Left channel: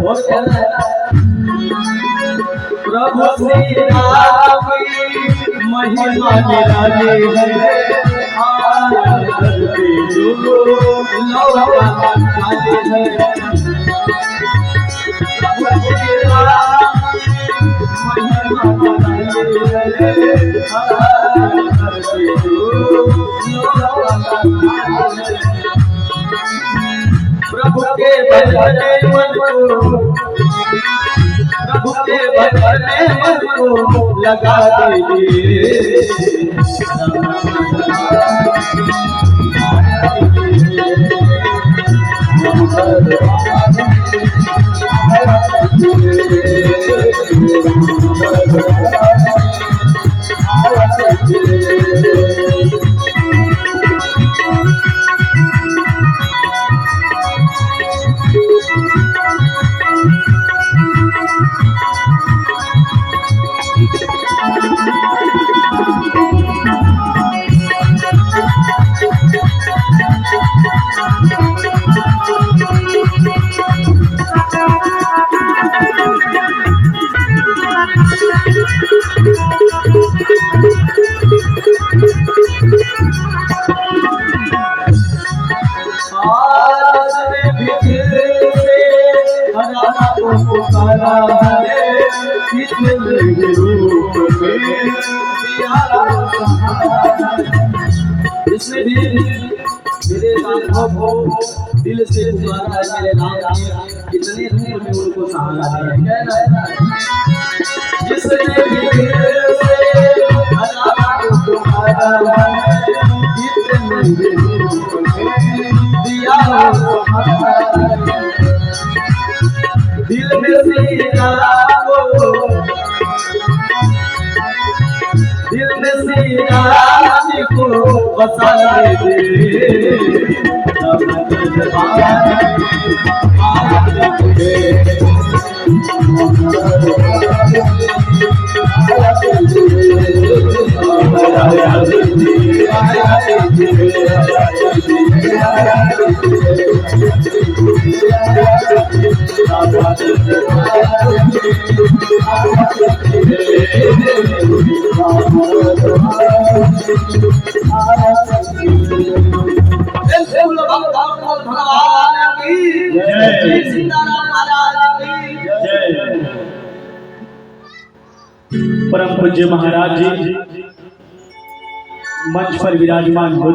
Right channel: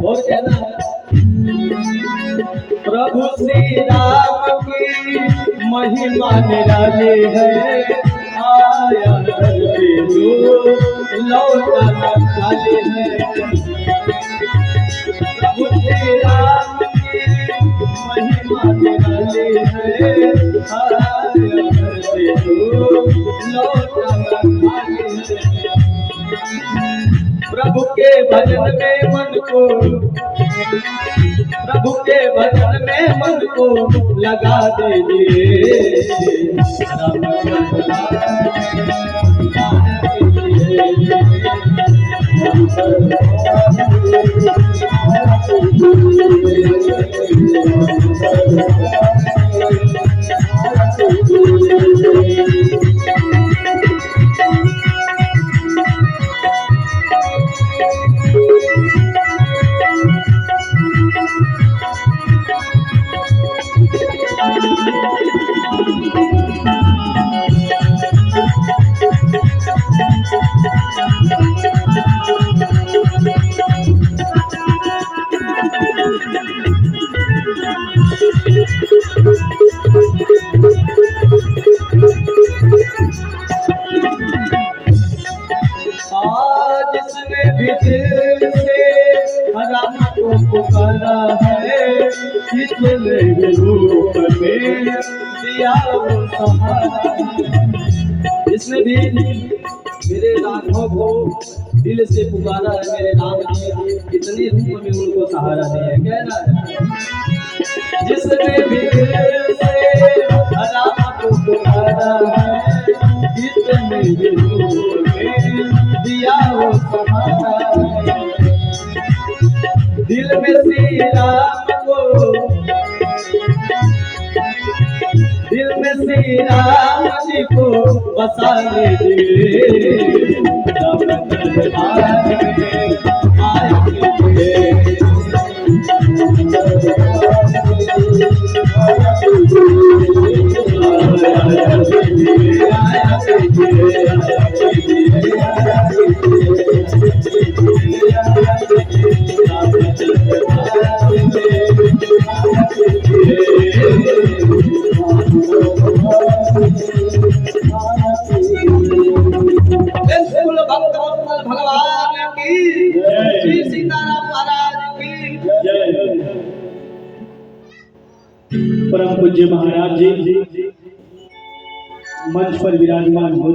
और कहना है प्रभु श्री राम की महिमा निराली है, आया धरती जो लौटा खाली है। प्रभु श्री राम की महिमा निराली है, आया धरती जो लौटा खाली है। प्रभु के भजन में मन को, प्रभु के भजन में मन को लगा दीजिए। इसमें भी मेरे राघव को दिल से पुकारा है, मेरे राम ने इतने दूर में उनको सहारा है। कहना है जिसने भी दिल से राम को पुकारा है, इतने दूर में दिया दिल में श्री राम को, दिल में श्री राम को बसा दे। परम पूज्य महाराज जी मंच पर विराजमान हो